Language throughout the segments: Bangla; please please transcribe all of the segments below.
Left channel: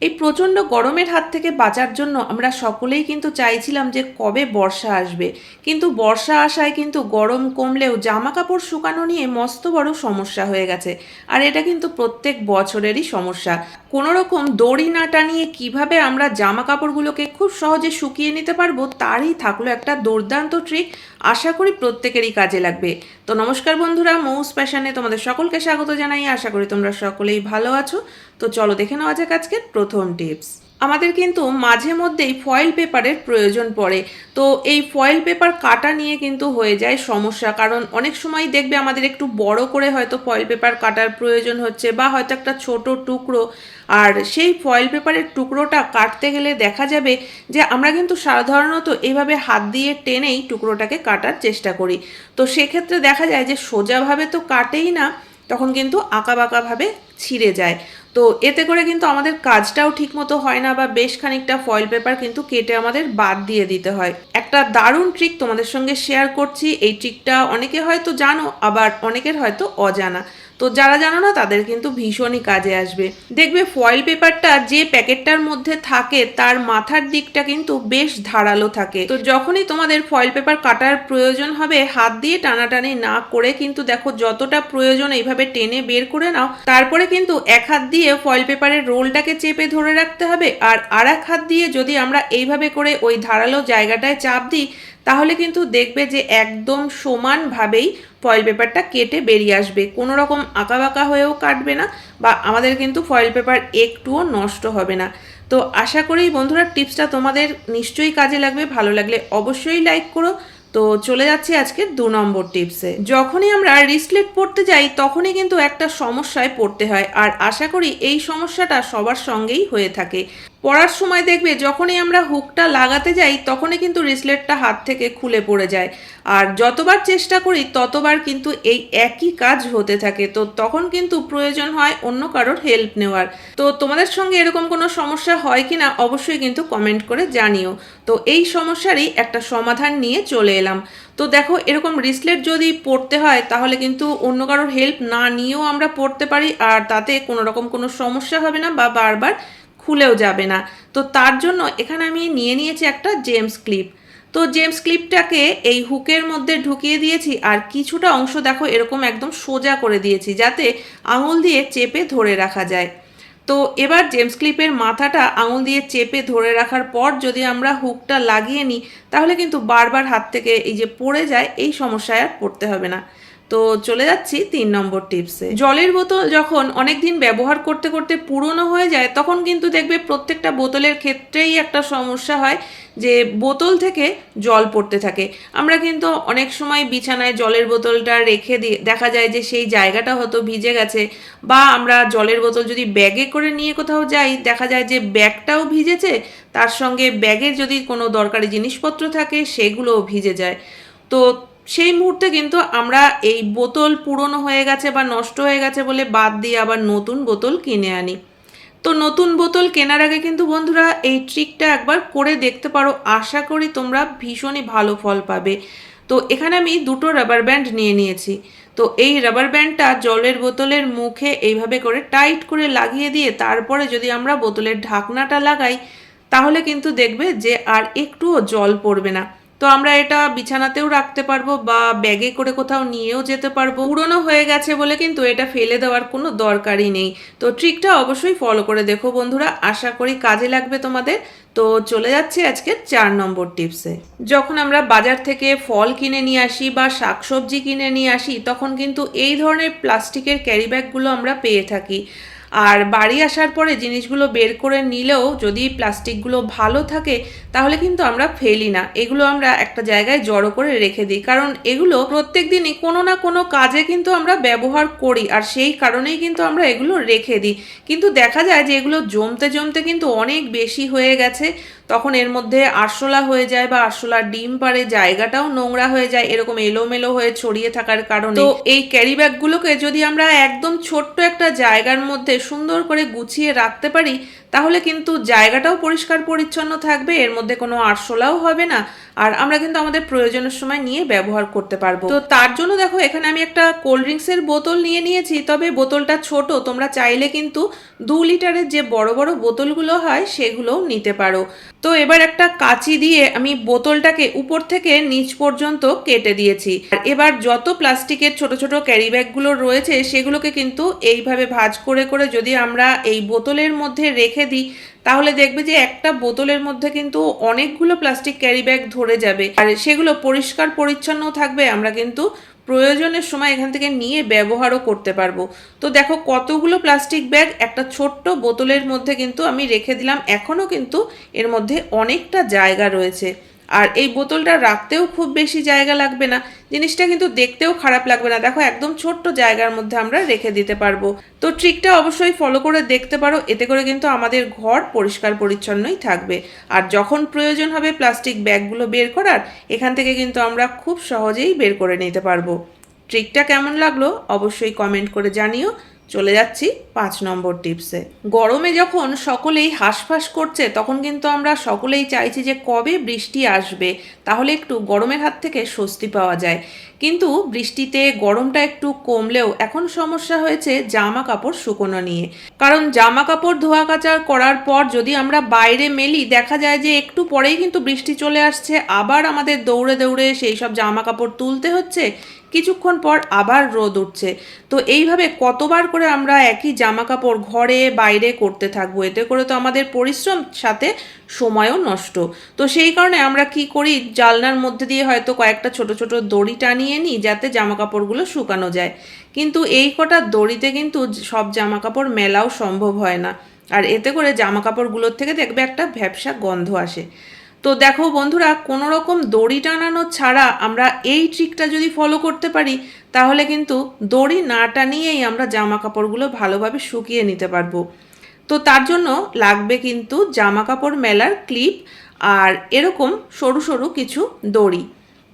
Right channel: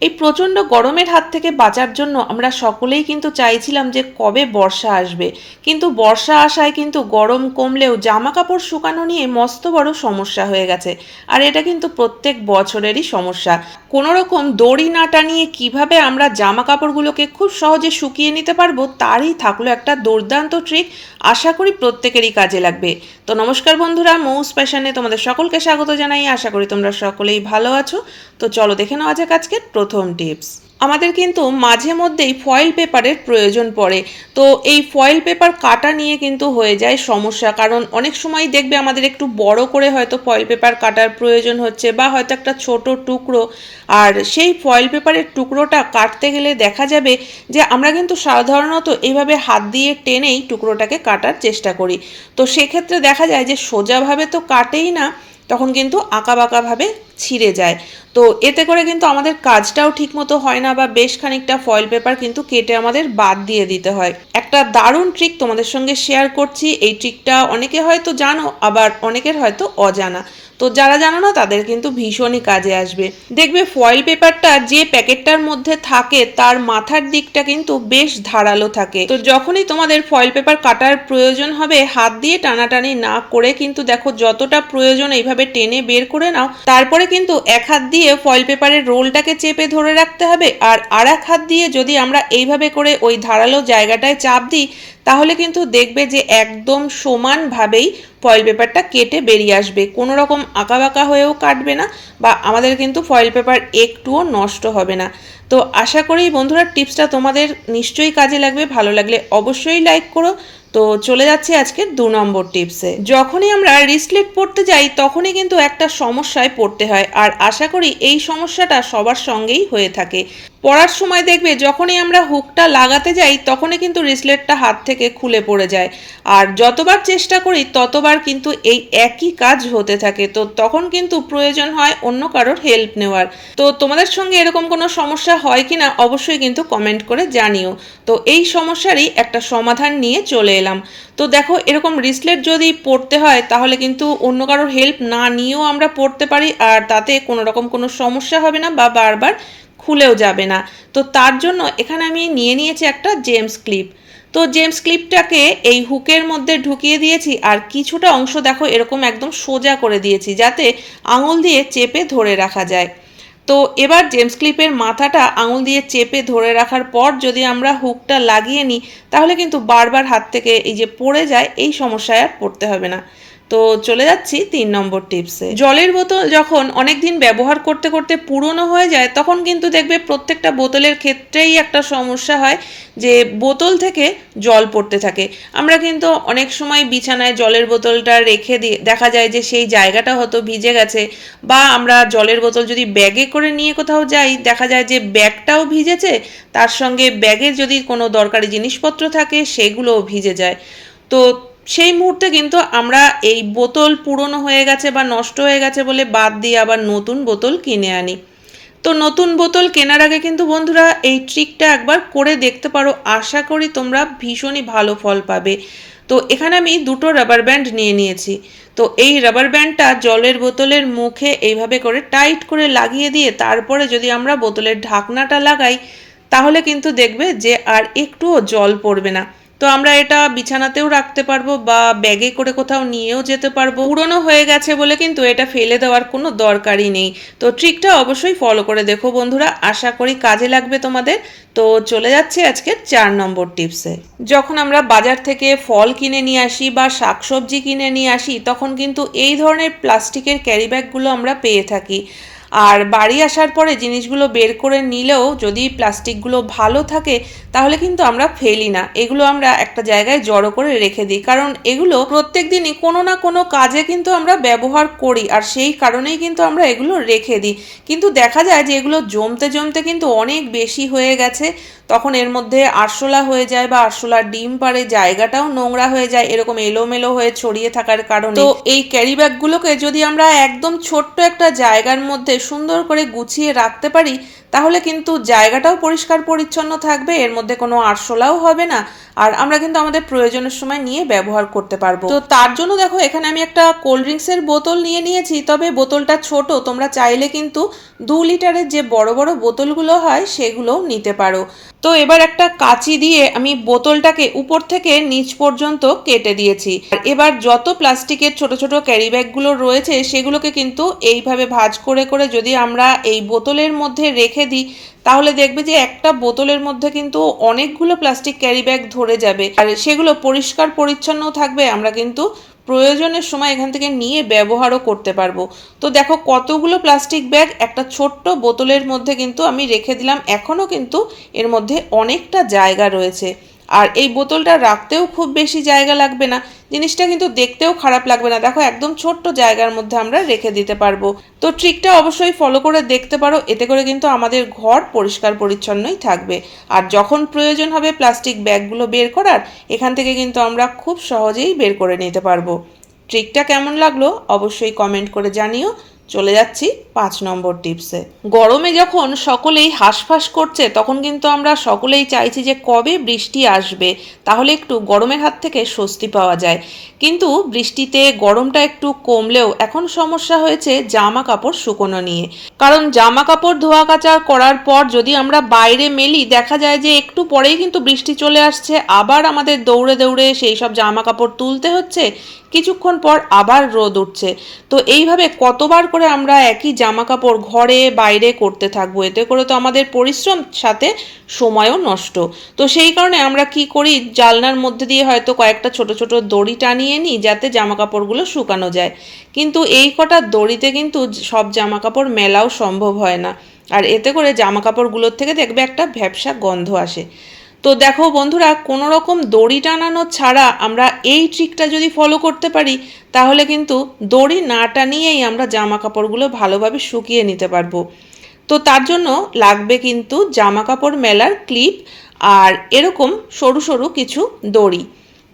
এই প্রচণ্ড গরমের হাত থেকে বাঁচার জন্য আমরা সকলেই কিন্তু চাইছিলাম যে কবে বর্ষা আসবে। কিন্তু বর্ষা আসায় কিন্তু গরম কমলেও জামা কাপড় শুকানো নিয়ে মস্ত বড় সমস্যা হয়ে গেছে। আর এটা কিন্তু প্রত্যেক বছরেরই সমস্যা। কোনো রকম দড়ি না টানিয়ে কীভাবে আমরা জামা কাপড়গুলোকে খুব সহজে শুকিয়ে নিতে পারব, তারই থাকল একটা দুর্দান্ত ট্রিক আশা করি প্রত্যেকেরই কাজে লাগবে। তো নমস্কার বন্ধুরা, মৌস প্যাশানে তোমাদের সকলকে স্বাগত জানাই। আশা করি তোমরা সকলেই ভালো আছো। তো চলো দেখে নেওয়া যাক আজকের প্রথম টিপস আমাদের কিন্তু মাঝে মধ্যেই ফয়েল পেপারের প্রয়োজন পড়ে। তো এই ফয়েল পেপার কাটা নিয়ে কিন্তু হয়ে যায় সমস্যা। কারণ অনেক সময় দেখবে আমাদের একটু বড় করে হয়তো ফয়েল পেপার কাটার প্রয়োজন হচ্ছে বা হয়তো একটা ছোট টুকরো। আর সেই ফয়েল পেপারের টুকরোটা কাটতে গেলে দেখা যাবে যে আমরা কিন্তু সাধারণত এইভাবে হাত দিয়ে টেনেই টুকরোটাকে কাটার চেষ্টা করি। তো সেক্ষেত্রে দেখা যায় যে সোজাভাবে তো কাটেই না, তখন কিন্তু আঁকাবাঁকাভাবে ছিঁড়ে যায়। তো এতে করে কিন্তু আমাদের কাজটাও ঠিক মতো হয় না বা বেশ খানিকটা ফয়েল পেপার কিন্তু কেটে আমাদের বাদ দিয়ে দিতে হয়। একটা দারুণ ট্রিক তোমাদের সঙ্গে শেয়ার করছি, এই ট্রিকটা অনেকে হয়তো জানো, আবার অনেকের হয়তো অজানা। তো যারা জানো না, তাদের কিন্তু ভীষণই কাজে আসবে। দেখবে ফয়েল পেপারটা যে প্যাকেটটার মধ্যে থাকে, তার মাথার দিকটা কিন্তু বেশ ধারালো থাকে। তো যখনই তোমাদের ফয়েল পেপার কাটার প্রয়োজন হবে, হাত দিয়ে টানাটানি না করে কিন্তু দেখো যতটা প্রয়োজন এইভাবে টেনে বের করে নাও। তারপরে কিন্তু এক হাত দিয়ে ফয়েল পেপারের রোলটাকে চেপে ধরে রাখতে হবে। আর আর এক হাত দিয়ে যদি আমরা এইভাবে করে ওই ধারালো জায়গাটায় চাপ দিই তাহলে কিন্তু দেখবে যে একদম সমানভাবেই ফয়েল পেপারটা কেটে বেরিয়ে আসবে। কোনো রকম আঁকাবাঁকা হয়েও কাটবে না বা আমাদের কিন্তু ফয়েল পেপার একটুও নষ্ট হবে না। তো আশা করি বন্ধুরা টিপসটা তোমাদের নিশ্চয়ই কাজে লাগবে, ভালো লাগলে অবশ্যই লাইক করো। তো চলে যাচ্ছে আজকের দু নম্বর টিপসে। যখনই আমরা রিসলেট পড়তে যাই, তখনই কিন্তু একটা সমস্যায় পড়তে হয়। আর আশা করি এই সমস্যাটা সবার সঙ্গেই হয়ে থাকে। পড়ার সময় দেখবে যখনই আমরা হুকটা লাগাতে যাই, তখনই কিন্তু রিসলেটটা হাত থেকে খুলে পড়ে যায়। আর যতবার চেষ্টা করি, ততবার কিন্তু এই একই কাজ হতে থাকে। তো তখন কিন্তু প্রয়োজন হয় অন্য কারোর হেল্প নেওয়ার। তো তোমাদের সঙ্গে এরকম কোনো সমস্যা হয় কি না অবশ্যই কিন্তু কমেন্ট করে জানিও। তো এই সমস্যারই একটা সমাধান নিয়ে চলে এলাম। তো দেখো, এরকম রিসলেট যদি পড়তে হয়, তাহলে কিন্তু অন্য কারোর হেল্প না নিয়েও আমরা পড়তে পারি। আর তাতে কোনো রকম কোনো সমস্যা হবে না বা বারবার খুলেও যাবে না। তো তার জন্য এখানে আমি নিয়ে নিয়েছি একটা জেমস ক্লিপ। তো জেমস ক্লিপটাকে এই হুকের মধ্যে ঢুকিয়ে দিয়েছি আর কিছুটা অংশ দেখো এরকম একদম সোজা করে দিয়েছি যাতে আঙুল দিয়ে চেপে ধরে রাখা যায়। তো এবার জেমস ক্লিপের মাথাটা আঙুল দিয়ে চেপে ধরে রাখার পর যদি আমরা হুকটা লাগিয়ে নিই, তাহলে কিন্তু বারবার হাত থেকে এই যে পড়ে যায়, এই সমস্যায় আর পড়তে হবে না। তো চলে যাচ্ছি তিন নম্বর টিপসে। জলের বোতল যখন অনেক দিন ব্যবহার করতে করতে পুরনো হয়ে যায়, তখন কিন্তু দেখবে প্রত্যেকটা বোতলের ক্ষেত্রেই একটা সমস্যা হয় যে বোতল থেকে জল পড়তে থাকে। আমরা কিন্তু অনেক সময় বিছানায় জলের বোতলটা রেখে দিয়ে দেখা যায় যে সেই জায়গাটা হয়তো ভিজে গেছে বা আমরা জলের বোতল যদি ব্যাগে করে নিয়ে কোথাও যাই, দেখা যায় যে ব্যাগটাও ভিজেছে, তার সঙ্গে ব্যাগের যদি কোনো দরকারি জিনিসপত্র থাকে, সেগুলোও ভিজে যায়। তো সেই মুহূর্তে কিন্তু আমরা এই বোতল পুরনো হয়ে গেছে বা নষ্ট হয়ে গেছে বলে বাদ দিয়ে আবার নতুন বোতল কিনে আনি। তো নতুন বোতল কেনার আগে কিন্তু বন্ধুরা এই ট্রিকটা একবার করে দেখতে পারো। আশা করি তোমরা ভীষণই ভালো ফল পাবে। তো এখানে আমি দুটো রাবার ব্যান্ড নিয়ে নিয়েছি। তো এই রাবার ব্যান্ডটা জলের বোতলের মুখে এইভাবে করে টাইট করে লাগিয়ে দিয়ে তারপরে যদি আমরা বোতলের ঢাকনাটা লাগাই, তাহলে কিন্তু দেখবে যে আর একটুও জল পড়বে না। তো আমরা এটা বিছানাতেও রাখতে পারব বা ব্যাগে করে কোথাও নিয়েও যেতে পারব। পুরনো হয়ে গেছে বলে কিন্তু এটা ফেলে দেওয়ার কোনো দরকারই নেই। তো ট্রিকটা অবশ্যই ফলো করে দেখো বন্ধুরা, আশা করি কাজে লাগবে তোমাদের। তো চলে যাচ্ছে আজকে চার নম্বর টিপসে যখন আমরা বাজার থেকে ফল কিনে নিয়ে আসি বা শাকসবজি কিনে নিয়ে আসি, তখন কিন্তু এই ধরনের প্লাস্টিকের ক্যারি ব্যাগগুলো আমরা পেয়ে থাকি। আর বাড়ি আসার পরে জিনিসগুলো বের করে নিলেও যদি প্লাস্টিকগুলো ভালো থাকে তাহলে কিন্তু আমরা ফেলি না। এগুলো আমরা একটা জায়গায় জড়ো করে রেখে দিই। কারণ এগুলো প্রত্যেক দিনই কোনো না কোনো কাজে কিন্তু আমরা ব্যবহার করি আর সেই কারণেই কিন্তু আমরা এগুলো রেখে দিই। কিন্তু দেখা যায় যে এগুলো জমতে জমতে কিন্তু অনেক বেশি হয়ে গেছে। তখন এর মধ্যে আরশোলা হয়ে যায় বা আরশোলার ডিম পারে জায়গাটাও নোংরা হয়ে যায়, এরকম এলোমেলো হয়ে ছড়িয়ে থাকার কারণে। তো এই ক্যারি ব্যাগগুলোকে যদি আমরা একদম ছোট্ট একটা জায়গার মধ্যে সুন্দর করে গুছিয়ে রাখতে পারি তাহলে কিন্তু জায়গাটাও পরিষ্কার পরিচ্ছন্ন থাকবে, এর মধ্যে কোনো আরশোলাও হবে না, আর আমরা কিন্তু আমাদের প্রয়োজনের সময় নিয়ে ব্যবহার করতে পারব। তো তার জন্য দেখো, এখানে আমি একটা কোল্ড ড্রিঙ্কসের বোতল নিয়ে নিয়েছি, তবে বোতলটা ছোট, তোমরা চাইলে কিন্তু দু লিটারের যে বড় বড় বোতলগুলো হয়, সেগুলোও নিতে পারো। তো এবার একটা কাঁচি দিয়ে আমি বোতলটাকে উপর থেকে নিচ পর্যন্ত কেটে দিয়েছি। আর এবার যত প্লাস্টিকের ছোট ছোট ক্যারি ব্যাগগুলো রয়েছে, সেগুলোকে কিন্তু এইভাবে ভাজ করে করে যদি আমরা এই বোতলের মধ্যে রেখে দিই, তাহলে দেখবে যে একটা বোতলের মধ্যে কিন্তু অনেকগুলো প্লাস্টিক ক্যারি ব্যাগ ধরে যাবে। আর সেগুলো পরিষ্কার পরিচ্ছন্ন থাকবে, আমরা কিন্তু প্রয়োজনের সময় এখান থেকে নিয়ে ব্যবহারও করতে পারব। তো দেখো কতগুলো প্লাস্টিক ব্যাগ একটা ছোট্ট বোতলের মধ্যে কিন্তু আমি রেখে দিলাম। এখনও কিন্তু এর মধ্যে অনেকটা জায়গা রয়েছে। আর এই বোতলটা রাখতেও খুব বেশি জায়গা লাগবে না। জিনিসটা কিন্তু দেখতেও খারাপ লাগবে না। দেখো, একদম ছোট্ট জায়গার মধ্যে আমরা রেখে দিতে পারব। তো ট্রিকটা অবশ্যই ফলো করে দেখতে পারো, এতে করে কিন্তু আমাদের ঘর পরিষ্কার পরিচ্ছন্নই থাকবে। আর যখন প্রয়োজন হবে প্লাস্টিক ব্যাগগুলো বের করার, এখান থেকে কিন্তু আমরা খুব সহজেই বের করে নিতে পারব। ট্রিকটা কেমন লাগল অবশ্যই কমেন্ট করে জানিও। চলে যাচ্ছি পাঁচ নম্বর টিপসে। গরমে যখন সকলেই হাঁসফাঁস করছে, তখন কিন্তু আমরা সকলেই চাইছি যে কবে বৃষ্টি আসবে, তাহলে একটু গরমের হাত থেকে স্বস্তি পাওয়া যায়। কিন্তু বৃষ্টিতে গরমটা একটু কমলেও এখন সমস্যা হয়েছে জামা কাপড় শুকোনো নিয়ে। কারণ জামা কাপড় ধোয়া কাচা করার পর যদি আমরা বাইরে মেলি, দেখা যায় যে একটু পরেই কিন্তু বৃষ্টি চলে আসছে, আবার আমাদের দৌড়ে দৌড়ে সেই সব জামা কাপড় তুলতে হচ্ছে কিছুক্ষণ পর আবার রোদ উঠছে। তো এইভাবে কতবার করে আমরা একই জামা কাপড় ঘরে, বাইরে করতে থাকব, এতে করে তো আমাদের পরিশ্রম সাথে সময়ও নষ্ট। তো সেই কারণে আমরা কি করি, জালনার মধ্যে দিয়ে হয়তো কয়েকটা ছোট ছোট দড়ি টানিয়ে নিই, যাতে জামা কাপড়গুলো শুকানো যায়। কিন্তু এই কটা দড়িতে কিন্তু সব জামা কাপড় মেলাও সম্ভব হয় না। আর এতে করে জামা কাপড়গুলোর থেকে দেখবে একটা ভ্যাবসা গন্ধ আসে। তো দেখো বন্ধুরা কোনো রকম দড়ি টানানো ছাড়া আমরা এই ট্রিকটা যদি ফলো করতে পারি, তাহলে কিন্তু দড়ি না টানিয়েই আমরা জামা কাপড়গুলো ভালোভাবে শুকিয়ে নিতে পারব। তো তার জন্য লাগবে কিন্তু জামা কাপড় মেলার ক্লিপ আর এরকম সরু সরু কিছু দড়ি।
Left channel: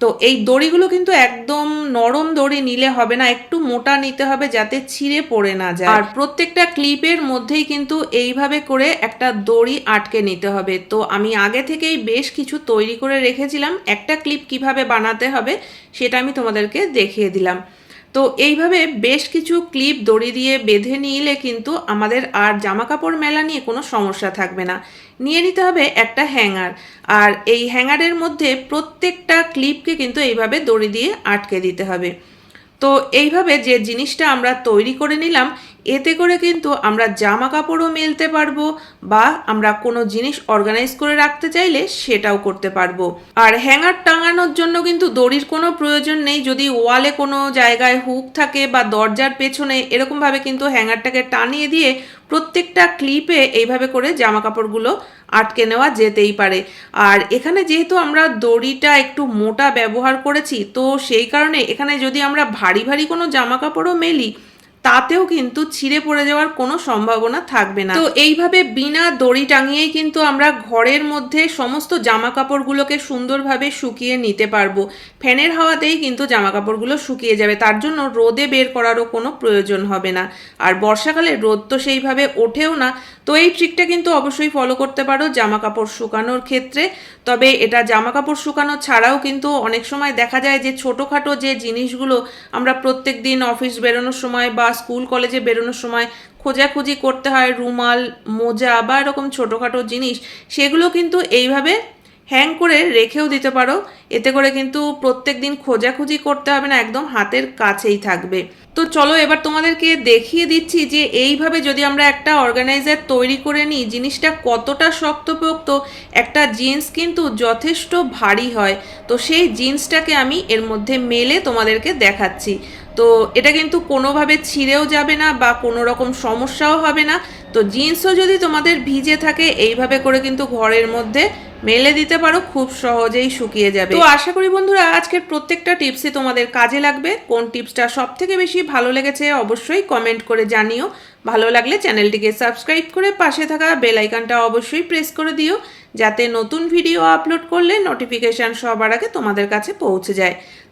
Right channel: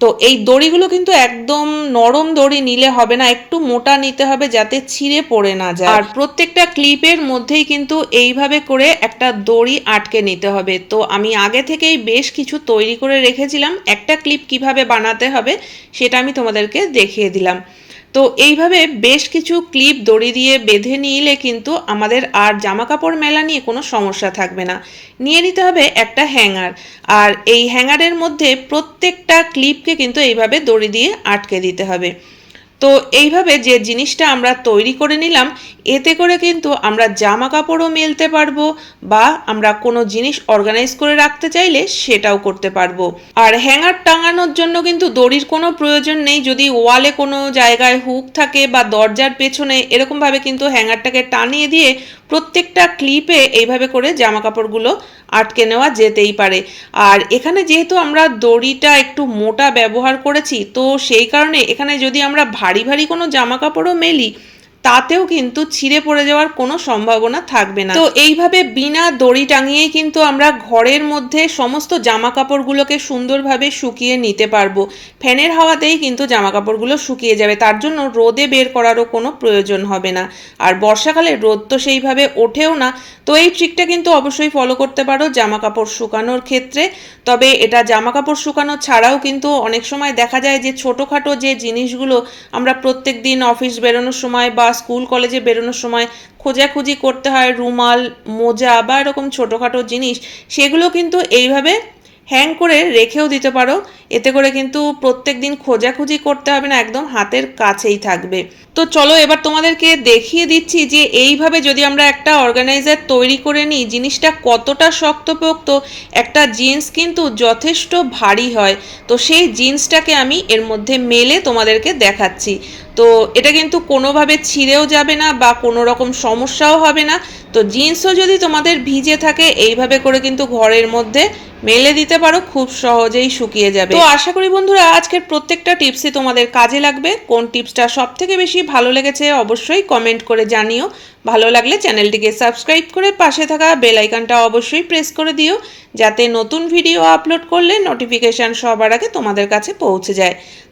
তো এই দড়িগুলো কিন্তু একদম নরম দড়ি নিলে হবে না, একটু মোটা নিতে হবে যাতে ছিঁড়ে পড়ে না যায়। আর প্রত্যেকটা ক্লিপের মধ্যেই কিন্তু এইভাবে করে একটা দড়ি আটকে নিতে হবে। তো আমি আগে থেকেই বেশ কিছু তৈরি করে রেখেছিলাম। একটা ক্লিপ কীভাবে বানাতে হবে সেটা আমি তোমাদেরকে দেখিয়ে দিলাম। তো এইভাবে বেশ কিছু ক্লিপ দড়ি দিয়ে বেঁধে নিলে কিন্তু আমাদের আর জামা কাপড় মেলা নিয়ে কোনো সমস্যা থাকবে না। নিয়ে নিতে হবে একটা হ্যাঙ্গার। আর এই হ্যাঙ্গারের মধ্যে প্রত্যেকটা ক্লিপকে কিন্তু এইভাবে দড়ি দিয়ে আটকে দিতে হবে। তো এইভাবে যে জিনিসটা আমরা তৈরি করে নিলাম, এতে করে কিন্তু আমরা জামা কাপড়ও মেলতে পারব বা আমরা কোনো জিনিস অর্গানাইজ করে রাখতে চাইলে সেটাও করতে পারব। আর হ্যাঙ্গার টাঙানোর জন্য কিন্তু দড়ির কোনো প্রয়োজন নেই, যদি ওয়ালে কোনো জায়গায় হুক থাকে বা দরজার পেছনে এরকমভাবে কিন্তু হ্যাঙ্গারটাকে টানিয়ে দিয়ে প্রত্যেকটা ক্লিপে এইভাবে করে জামা কাপড়গুলো আটকে নেওয়া যেতেই পারে। আর এখানে যেহেতু আমরা দড়িটা একটু মোটা ব্যবহার করেছি, তো সেই কারণে এখানে যদি আমরা ভারী ভারী কোনো জামা কাপড়ও মেলি তাতেও কিন্তু ছিঁড়ে পড়ে যাওয়ার কোনো সম্ভাবনা থাকবে না। তো এইভাবে বিনা দড়ি টাঙিয়েই কিন্তু আমরা ঘরের মধ্যে সমস্ত জামা কাপড়গুলোকে সুন্দরভাবে শুকিয়ে নিতে পারব। ফ্যানের হাওয়াতেই কিন্তু জামা কাপড়গুলো শুকিয়ে যাবে। তার জন্য রোদে বের করারও কোনো প্রয়োজন হবে না। আর বর্ষাকালে রোদ তো সেইভাবে ওঠেও না। তো এই ট্রিকটা কিন্তু অবশ্যই ফলো করতে পারো জামা কাপড় শুকানোর ক্ষেত্রে। তবে এটা জামা কাপড় শুকানো ছাড়াও কিন্তু অনেক সময় দেখা যায় যে ছোটোখাটো যে জিনিসগুলো আমরা প্রত্যেক দিন অফিস বেরোনোর সময় বা স্কুল, কলেজে বেরোনোর সময় খোঁজাখুঁজি করতে হয়, রুমাল, মোজা বা এরকম ছোটোখাটো জিনিস, সেগুলো কিন্তু এইভাবে হ্যাং করে রেখেও দিতে পারো। এতে করে কিন্তু প্রত্যেক দিন খোঁজাখুঁজি করতে হবে না, একদম হাতের কাছেই থাকবে। তো চলো এবার তোমাদেরকে দেখিয়ে দিচ্ছি যে এইভাবে যদি আমরা একটা অর্গানাইজার তৈরি করে নিই, জিনিসটা কতটা শক্তপোক্ত, একটা জিন্স কিন্তু যথেষ্ট ভারী হয়। তো সেই জিন্সটাকে আমি এর মধ্যে মেলে তোমাদেরকে দেখাচ্ছি। তো এটা কিন্তু কোনোভাবে ছিঁড়েও যাবে না বা কোনো রকম সমস্যাও হবে না। তো জিন্সও যদি তোমাদের ভিজে থাকে, এইভাবে করে কিন্তু ঘরের মধ্যে মেলে দিতে পারো, খুব সহজেই শুকিয়ে যাবে। তো আশা করি বন্ধুরা, আজকের প্রত্যেকটা টিপসই তোমাদের কাজে লাগবে। কোন টিপসটা সব থেকে বেশি ভালো লেগেছে অবশ্যই কমেন্ট করে জানিও। ভালো লাগলে চ্যানেলটিকে সাবস্ক্রাইব করে পাশে থাকা বেল আইকনটা অবশ্যই প্রেস করে দিও, যাতে নতুন ভিডিও আপলোড করলে নোটিফিকেশান সবার আগে তোমাদের কাছে পৌঁছে যায়।